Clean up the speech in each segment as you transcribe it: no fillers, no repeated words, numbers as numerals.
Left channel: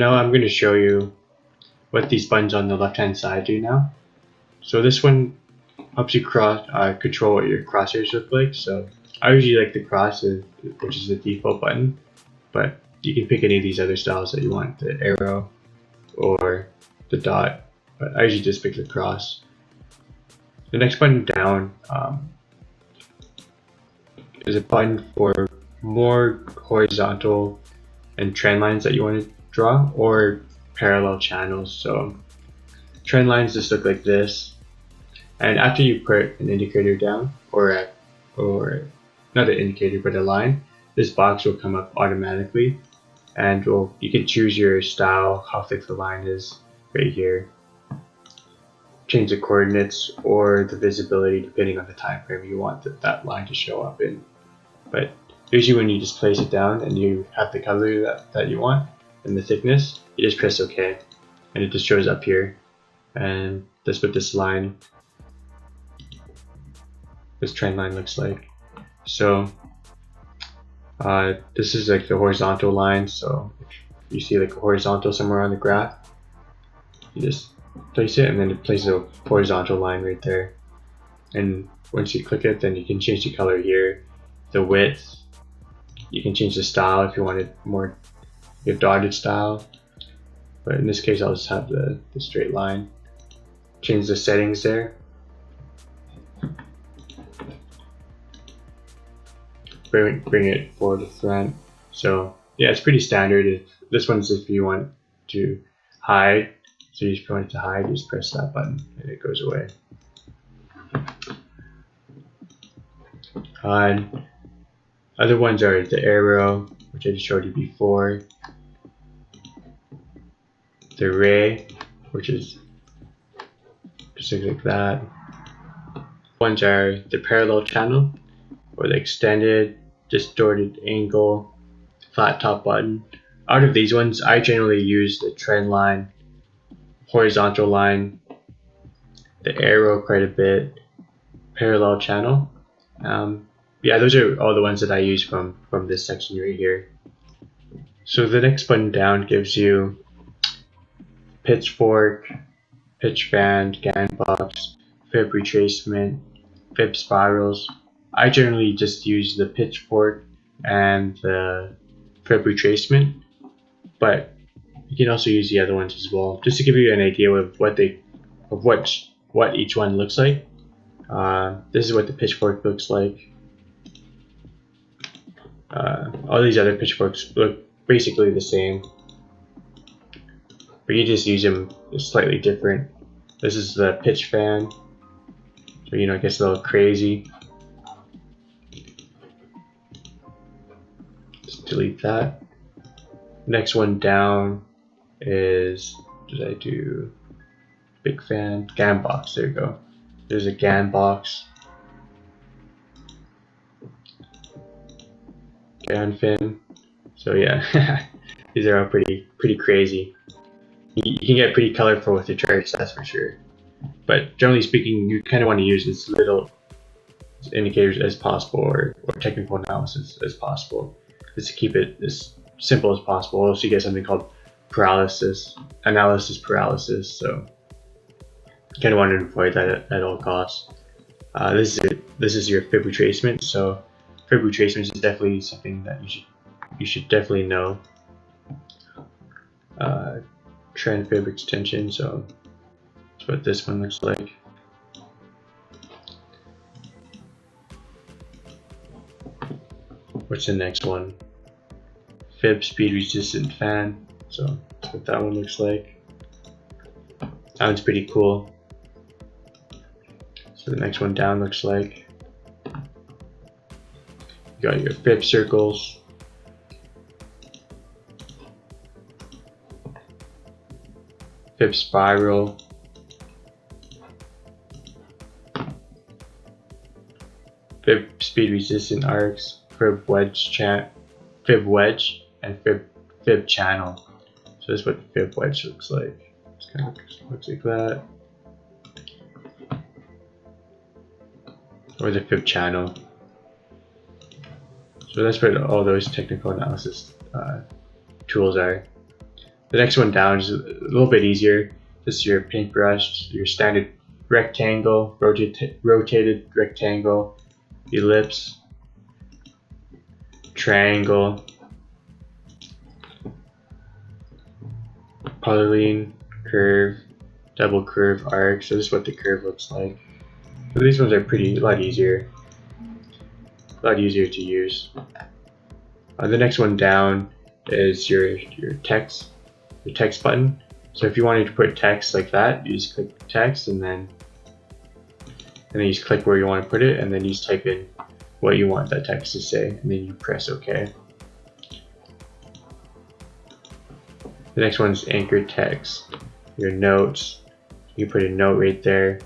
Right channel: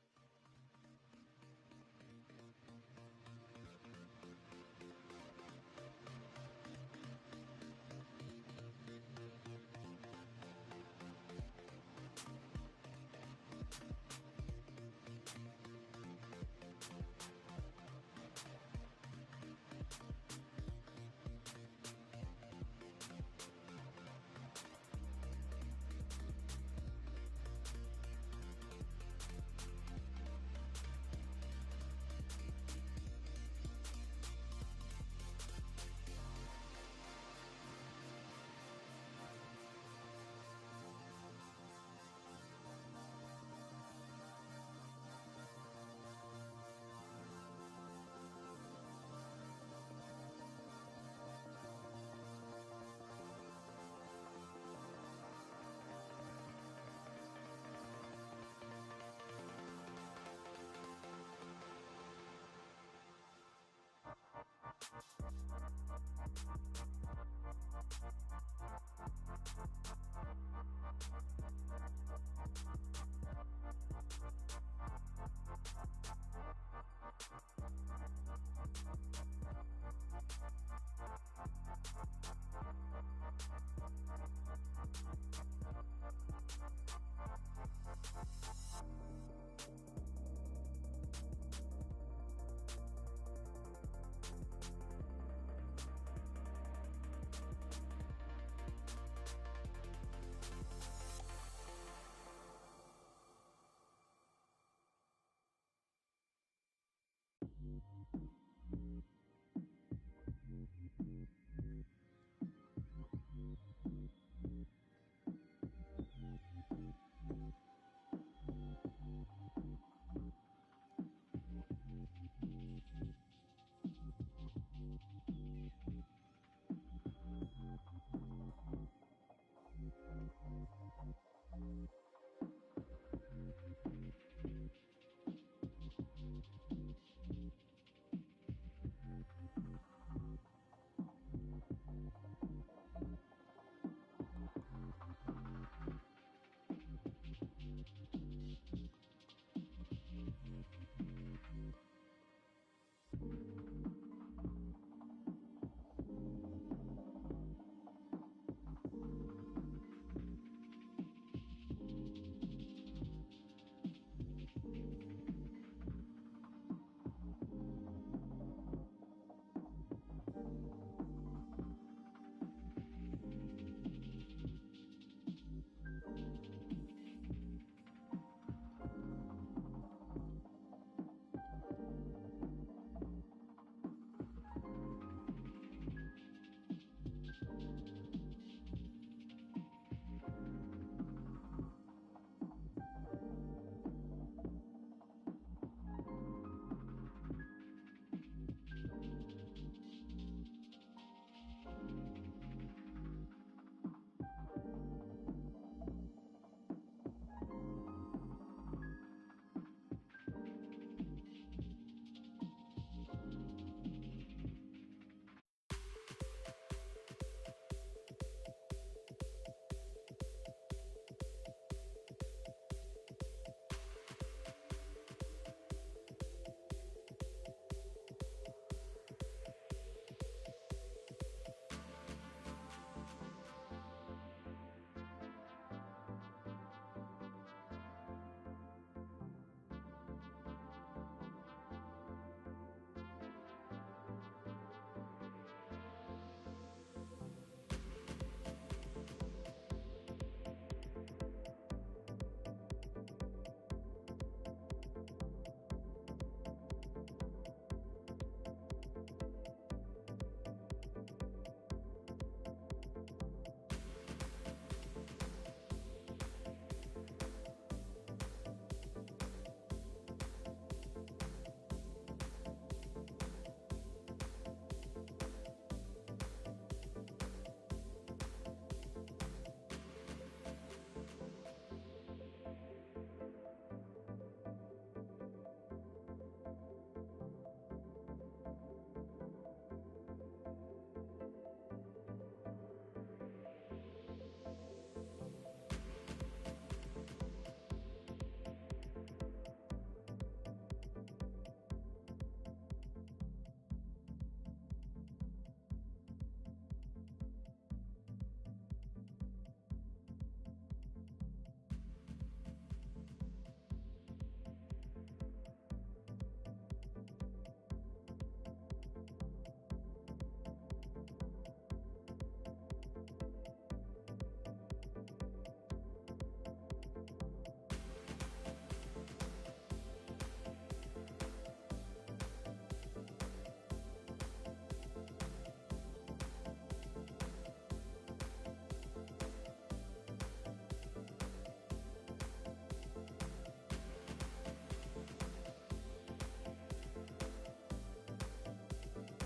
now I'm going to show you what these buttons on the left hand side do now. So this one helps you control what your crosshairs look like. So I usually like the cross, which is the default button, but you can pick any of these other styles that you want, the arrow or the dot, but I usually just pick the cross. The next button down is a button for more horizontal and trend lines that you want to draw, or parallel channels. So trend lines just look like this, and after you put an indicator down, or not an indicator but a line, this box will come up automatically, and you can choose your style, how thick the line is right here, change the coordinates or the visibility depending on the time frame you want that line to show up in. But usually when you just place it down and you have the color that you want and the thickness, you just press OK and it just shows up here. And that's what this trend line looks like. So this is like the horizontal line. So if you see like a horizontal somewhere on the graph, you just place it and then it places a horizontal line right there. And once you click it, then you can change the color here, the width. You can change the style if you wanted more dotted style, but in this case I'll just have the straight line. Change the settings there. Bring it forward to front. So yeah, it's pretty standard. This one's if you want to hide. So if you want it to hide, just press that button and it goes away. Other ones are the arrow, which I just showed you before, the ray, which is just like that. Ones are the parallel channel, or the extended, distorted angle, flat top button. Out of these ones, I generally use the trend line, horizontal line, the arrow quite a bit, parallel channel. Yeah, those are all the ones that I use from this section right here. So the next button down gives you pitchfork, pitch band, GAN box, fib retracement, fib spirals. I generally just use the pitchfork and the fib retracement, but you can also use the other ones as well, just to give you an idea of what each one looks like. This is what the pitchfork looks like. All these other pitchforks look basically the same, but you just use them slightly different. This is the pitch fan, so it gets a little crazy. Just delete that. Next one down is, did I do big fan? GAN box, there you go. There's a GAN box. GAN fin. So yeah, these are all pretty crazy. You can get pretty colorful with your charts, that's for sure. But generally speaking, you kind of want to use as little indicators as possible, or technical analysis as possible, just to keep it as simple as possible. Else you get something called analysis paralysis. So you kind of want to avoid that at all costs. This is your fib retracement. So fib retracement is definitely something that you should definitely know. Trend fib extension. So that's what this one looks like. What's the next one? Fib speed resistant fan. So that's what that one looks like. That one's pretty cool. So the next one down looks like. You got your fib circles. Fib spiral. Fib speed resistant arcs. Fib wedge, and fib channel. So this is what the fib wedge looks like. It kind of looks like that. Or the fib channel. So that's what all those technical analysis tools are. The next one down is a little bit easier. This is your paintbrush, your standard rectangle, rotated rectangle, ellipse, triangle, polyline, curve, double curve, arc. So this is what the curve looks like. So these ones are a lot easier to use. The next one down is your text button. So if you wanted to put text like that, you just click text and then you just click where you want to put it, and then you just type in what you want that text to say, and then you press OK. The next one is anchor text. Your notes, you put a note right there.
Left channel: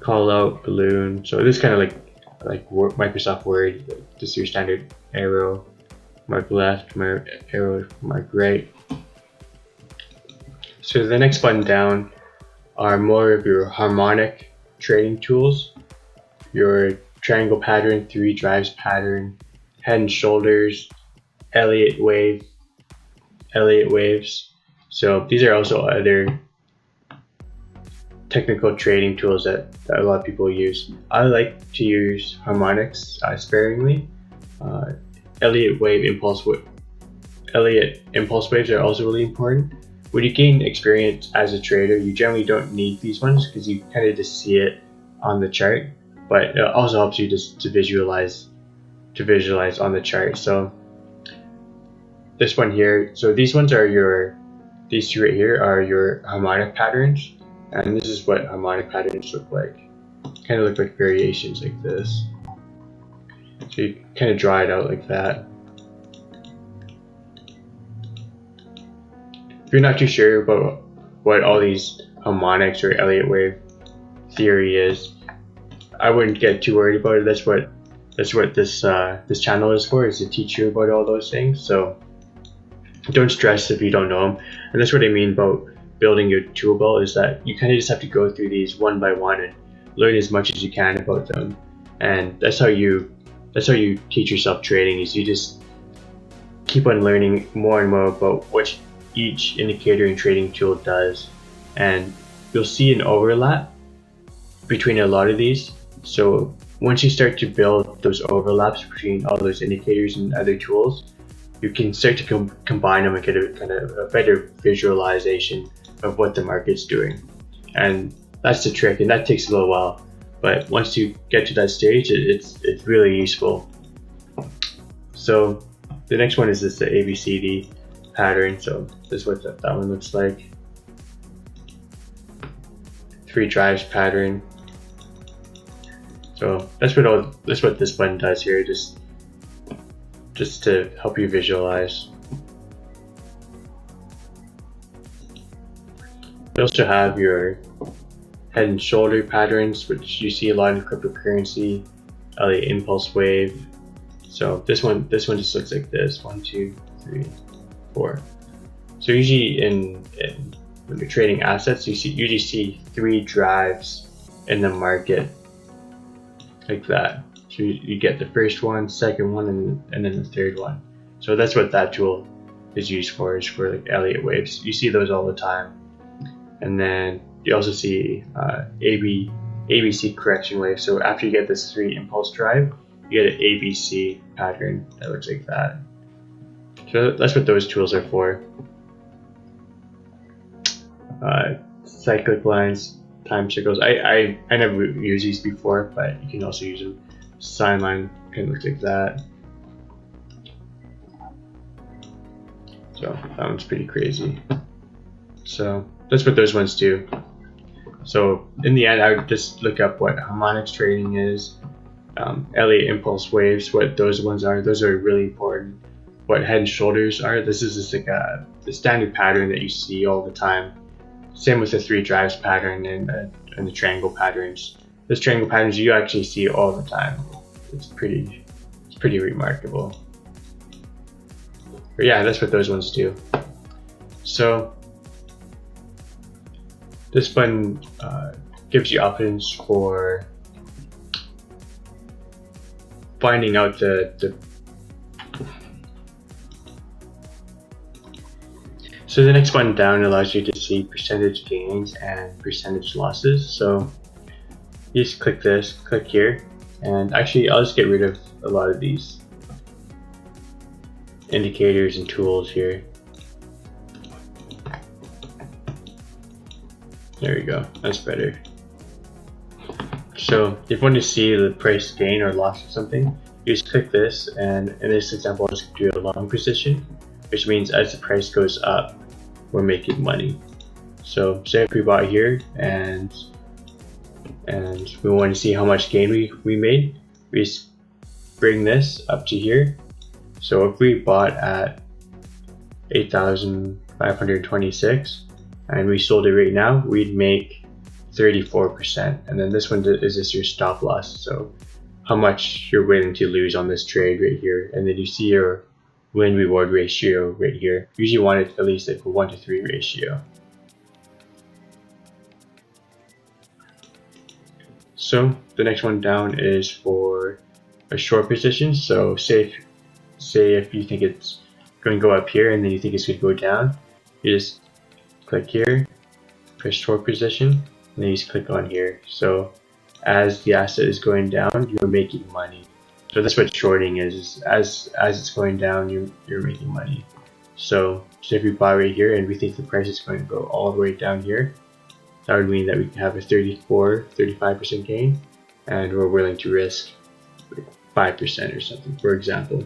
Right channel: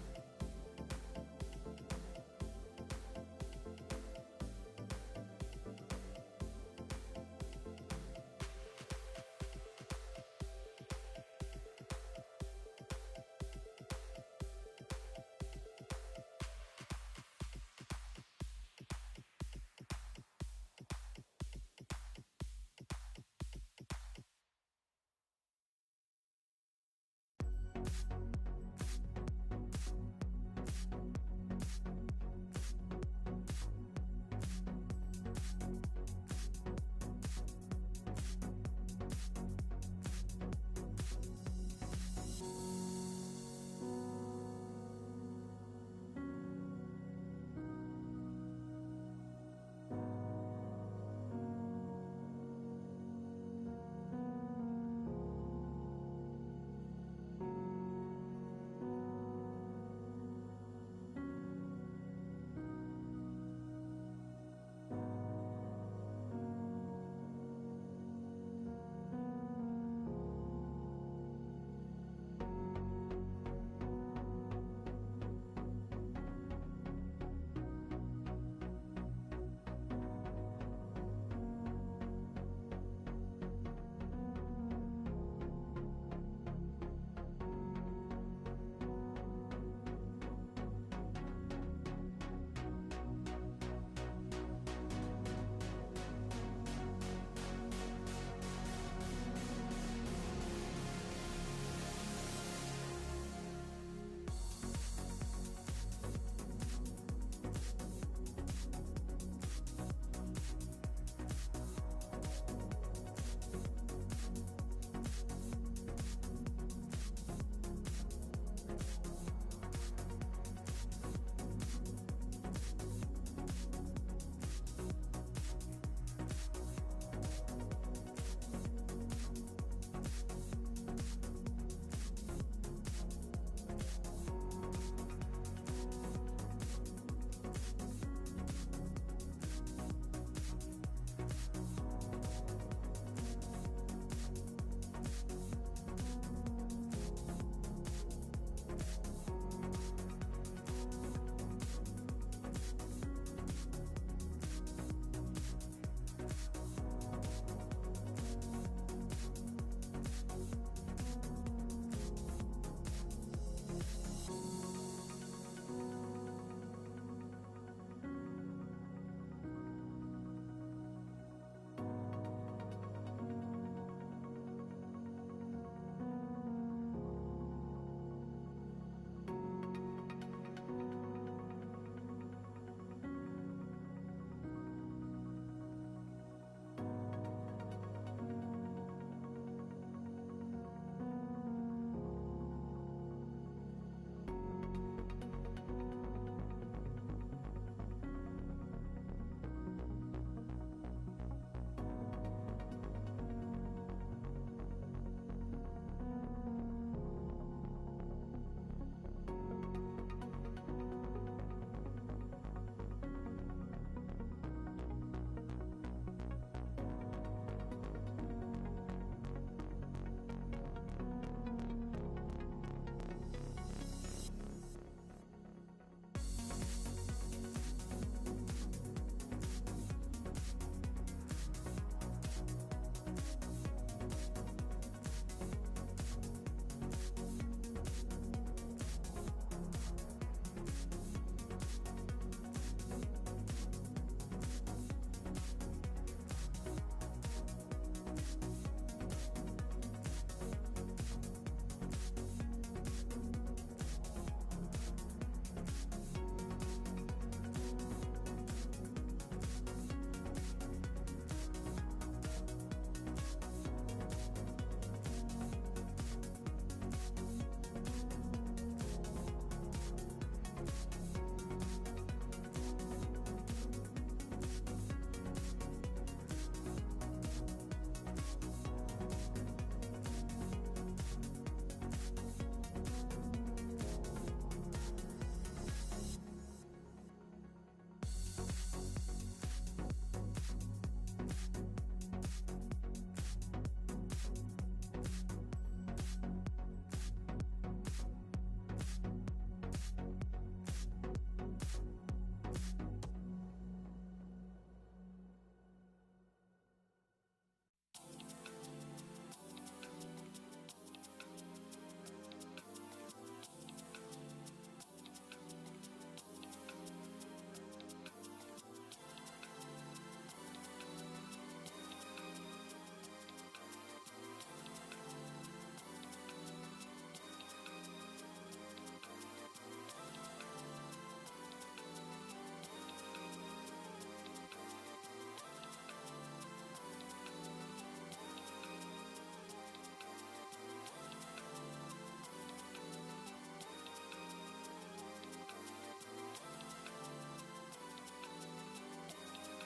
Call out, balloon. So this is kind of like Microsoft Word, just your standard arrow, mark left, mark arrow, mark right. So the next button down are more of your harmonic trading tools, your triangle pattern, 3 drives pattern, head and shoulders, Elliott waves. So these are also other technical trading tools that a lot of people use. I like to use harmonics sparingly. Elliott impulse waves are also really important. When you gain experience as a trader, you generally don't need these ones because you kind of just see it on the chart, but it also helps you just to visualize on the chart. So this one here, so these ones are these two right here are your harmonic patterns, and this is what harmonic patterns look like. Kind of look like variations like this. So you kind of draw it out like that. If you're not too sure about what all these harmonics or Elliott wave theory is, I wouldn't get too worried about it. That's what this channel is for, is to teach you about all those things. So don't stress if you don't know them. And that's what I mean about building your tool belt, is that you kind of just have to go through these one by one and learn as much as you can about them. And that's how you teach yourself trading, is you just keep on learning more and more about what each indicator and trading tool does, and you'll see an overlap between a lot of these. So once you start to build those overlaps between all those indicators and other tools, you can start to combine them and get a kind of a better visualization of what the market's doing. And that's the trick, and that takes a little while, but once you get to that stage, it's really useful. So the next one is the ABCD pattern. So this is what that one looks like. 3 drives pattern. So that's what this button does here, just to help you visualize. You also have your head and shoulder patterns, which you see a lot in cryptocurrency, Elliott impulse wave. So this one just looks like this: 1, 2, 3, 4. So usually when you're trading assets, you usually see 3 drives in the market like that. So you get the first one, second one, and then the third one. So that's what that tool is used for, is for like Elliott waves. You see those all the time. And then you also see ABC correction wave. So after you get this 3 impulse drive, you get an ABC pattern that looks like that. So that's what those tools are for. Cyclic lines, time circles. I never used these before, but you can also use them. Sine line kind of looks like that. So that one's pretty crazy. So that's what those ones do. So in the end, I would just look up what harmonics trading is, Elliott impulse waves, what those ones are. Those are really important. What head and shoulders are. This is just like the standard pattern that you see all the time. Same with the 3 drives pattern and the triangle patterns. Those triangle patterns you actually see all the time. It's pretty remarkable. But yeah, that's what those ones do. So this button gives you options for finding out So the next one down allows you to see percentage gains and percentage losses. So you just click this, click here, and actually I'll just get rid of a lot of these indicators and tools here. There we go, that's better. So if you want to see the price gain or loss of something, you just click this, and in this example I'll just do a long position, which means as the price goes up, we're making money. So say if we bought here and we want to see how much gain we made, we just bring this up to here. So if we bought at 8,526 and we sold it right now, we'd make 34%. And then this one is just your stop loss, so how much you're willing to lose on this trade right here. And then you see your win reward ratio right here. Usually you want it at least like a 1-to-3 ratio. So the next one down is for a short position. So say if you think it's going to go up here and then you think it's going to go down, you just click here, press short position, and then you just click on here. So as the asset is going down, you're making money. So that's what shorting is as it's going down, you're making money. So if we buy right here and we think the price is going to go all the way down here, that would mean that we can have a 35% gain, and we're willing to risk 5% or something, for example.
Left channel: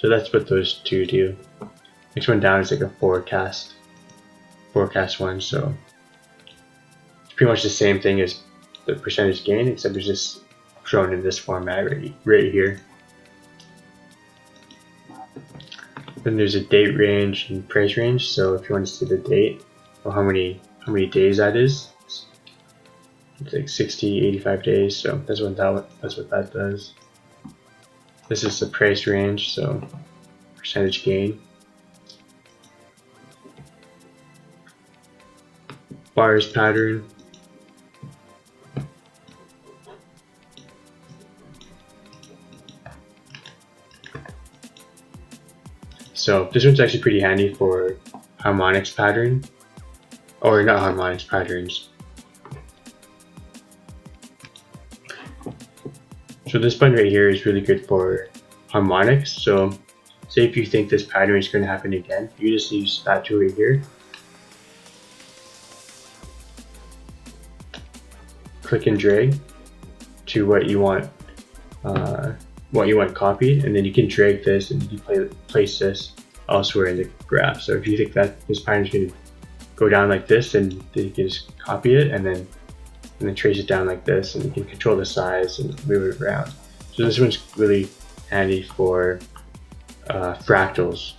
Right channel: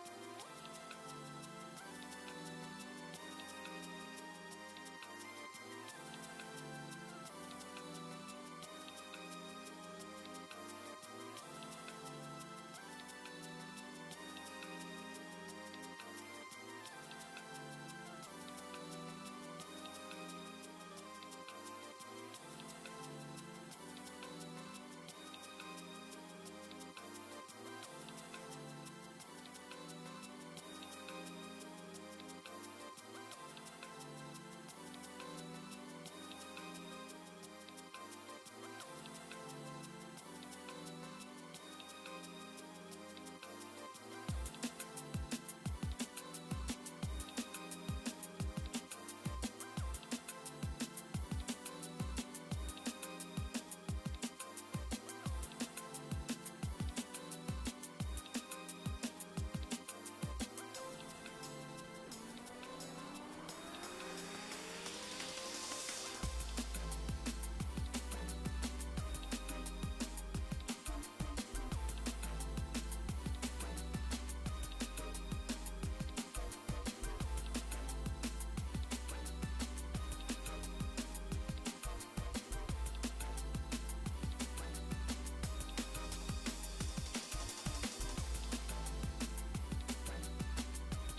So that's what those two do. Next one down is like a forecast one. So it's pretty much the same thing as the percentage gain, except it's just shown in this format right here. Then there's a date range and price range. So if you want to see the date or how many days that is, it's like 60, 85 days. So that's what that does. This is the price range, so percentage gain. Bars pattern. So this one's actually pretty handy for harmonics pattern, or not harmonics patterns. So this button right here is really good for harmonics. So say if you think this pattern is going to happen again, you just use that tool right here. Click and drag to what you want copied, and then you can drag this and you can place this elsewhere in the graph. So if you think that this pattern is going to go down like this, then you can just copy it and then trace it down like this, and you can control the size and move it around. So this one's really handy for fractals.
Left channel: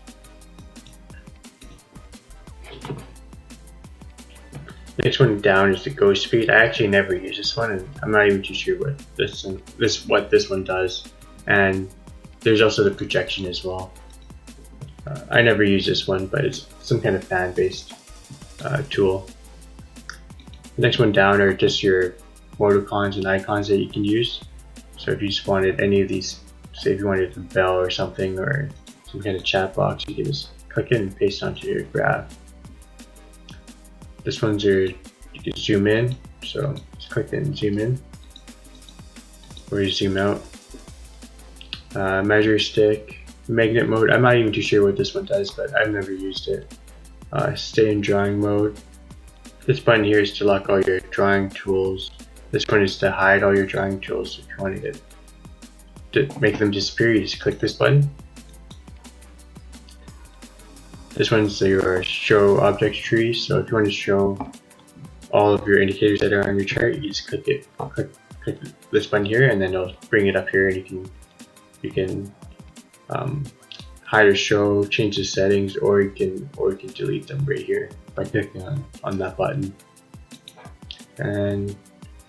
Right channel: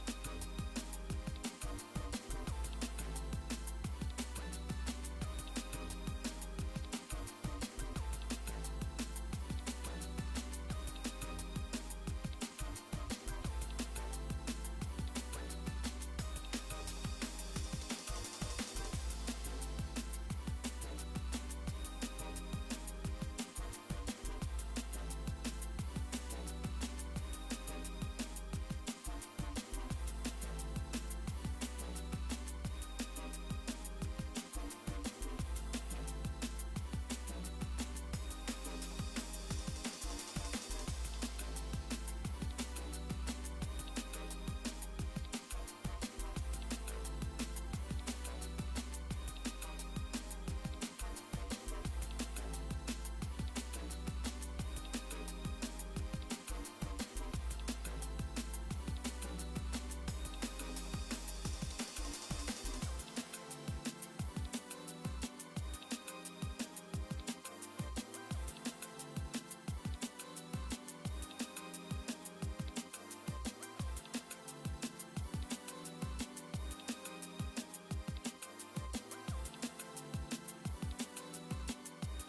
Next one down is the go speed. I actually never use this one, and I'm not even too sure what this one does. And there's also the projection as well. I never use this one, but it's some kind of fan-based tool. The next one down are just your emoticons and icons that you can use. So if you just wanted any of these, say if you wanted a bell or something, or some kind of chat box, you can just click it and paste onto your graph. This one's you can zoom in, so just click it and zoom in, or you zoom out. Measure stick, magnet mode. I'm not even too sure what this one does, but I've never used it. Stay in drawing mode. This button here is to lock all your drawing tools. This one is to hide all your drawing tools. If you want to make them disappear, you just click this button. This one's your show object tree. So if you want to show all of your indicators that are on your chart, you just click this button here, and then it'll bring it up here, and you can hide or show, change the settings, or you can delete them right here by clicking on that button. And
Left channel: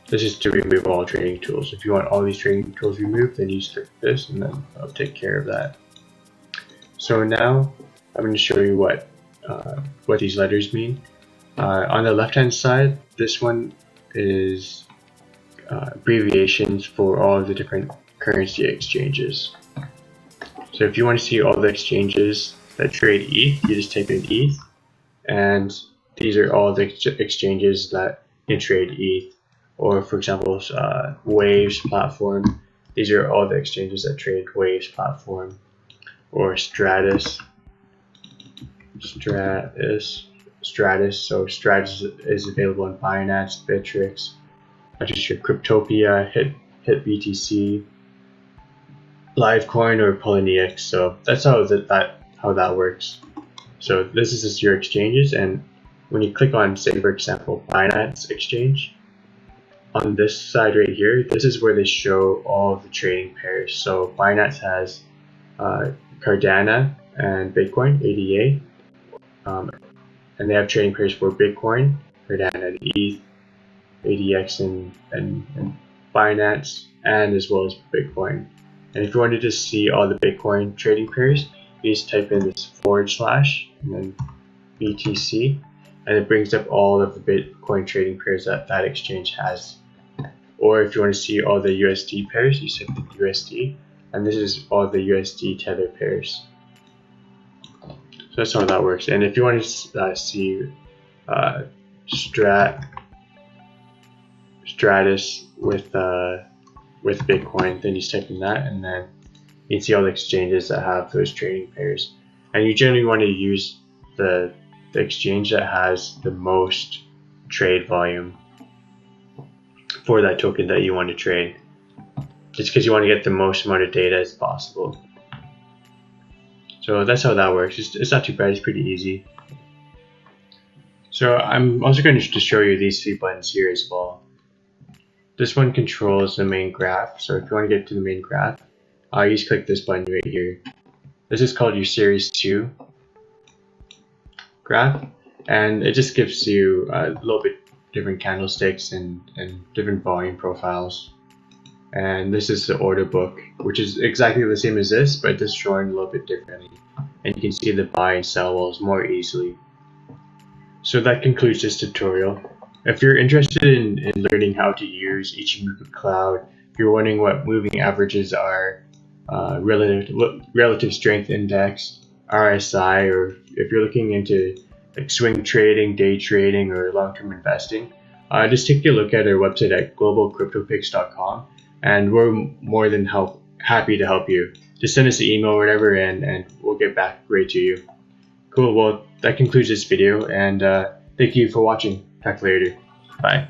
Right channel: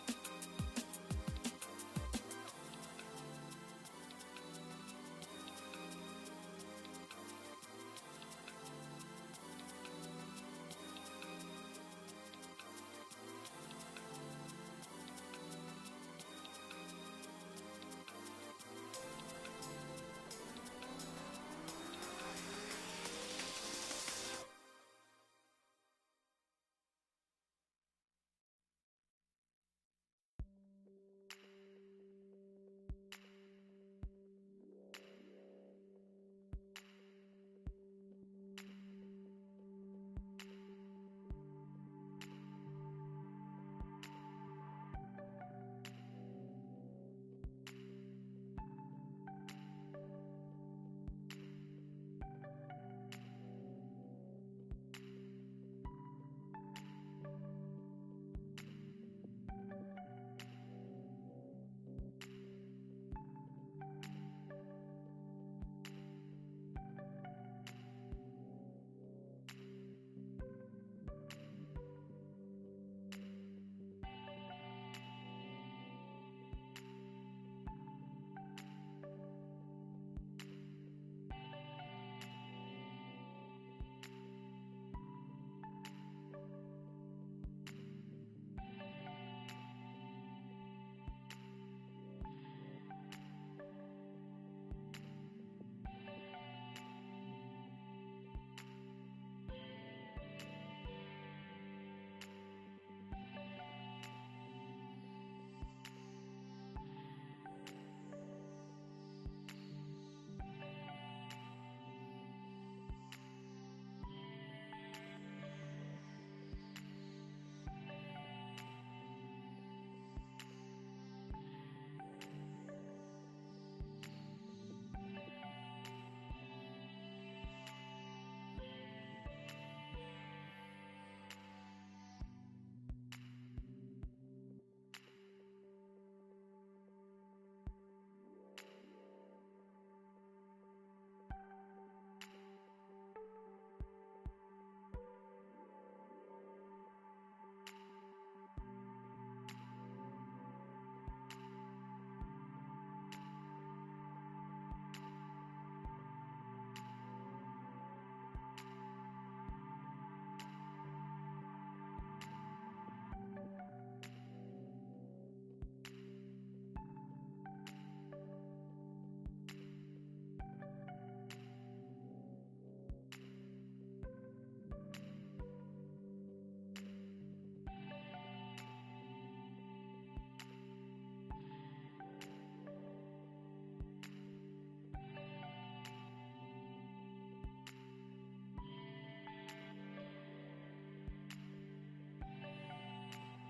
this is to remove all trading tools. If you want all these trading tools removed, then you just click this, and then I'll take care of that. So now I'm going to show you what these letters mean. On the left hand side, this one is abbreviations for all of the different currency exchanges. So if you want to see all the exchanges that trade ETH, you just type in ETH, and these are all the exchanges that can trade ETH. Or for example, Waves platform. These are all the exchanges that trade Waves platform. Or Stratus. So Stratus is available on Binance, Bittrex, Cryptopia, HitBTC, Livecoin, or Coinigy. So that's how that works. So this is just your exchanges, and when you click on, say for example, Binance exchange, on this side right here, this is where they show all of the trading pairs. So Binance has Cardano and Bitcoin, ADA, and they have trading pairs for Bitcoin, Cardano and ETH, ADX and Binance, and as well as Bitcoin. And if you wanted to see all the Bitcoin trading pairs, you just type in this / and then BTC, and it brings up all of the Bitcoin trading pairs that exchange has. Or if you want to see all the USD pairs, you type in USD, and this is all the USD Tether pairs. So that's how that works. And if you want to see Stratus with Bitcoin, then you type in that, and then you can see all the exchanges that have those trading pairs. And you generally want to use the exchange that has the most trade volume for that token that you want to trade, just because you want to get the most amount of data as possible. So that's how that works. It's not too bad, it's pretty easy. So I'm also going to show you these 3 buttons here as well. This one controls the main graph. So if you want to get to the main graph, you just click this button right here. This is called your Series 2 graph, and it just gives you a little bit different candlesticks and different volume profiles. And this is the order book, which is exactly the same as this, but just shown a little bit differently. And you can see the buy and sell walls more easily. So that concludes this tutorial. If you're interested in learning how to use Ichimoku Cloud, if you're wondering what moving averages are, relative strength index, RSI, or if you're looking into like swing trading, day trading, or long-term investing, just take a look at our website at globalcryptopix.com, and we're more than happy to help you. Just send us an email or whatever, and we'll get back right to you. Cool, well that concludes this video, and thank you for watching. Talk later. Bye.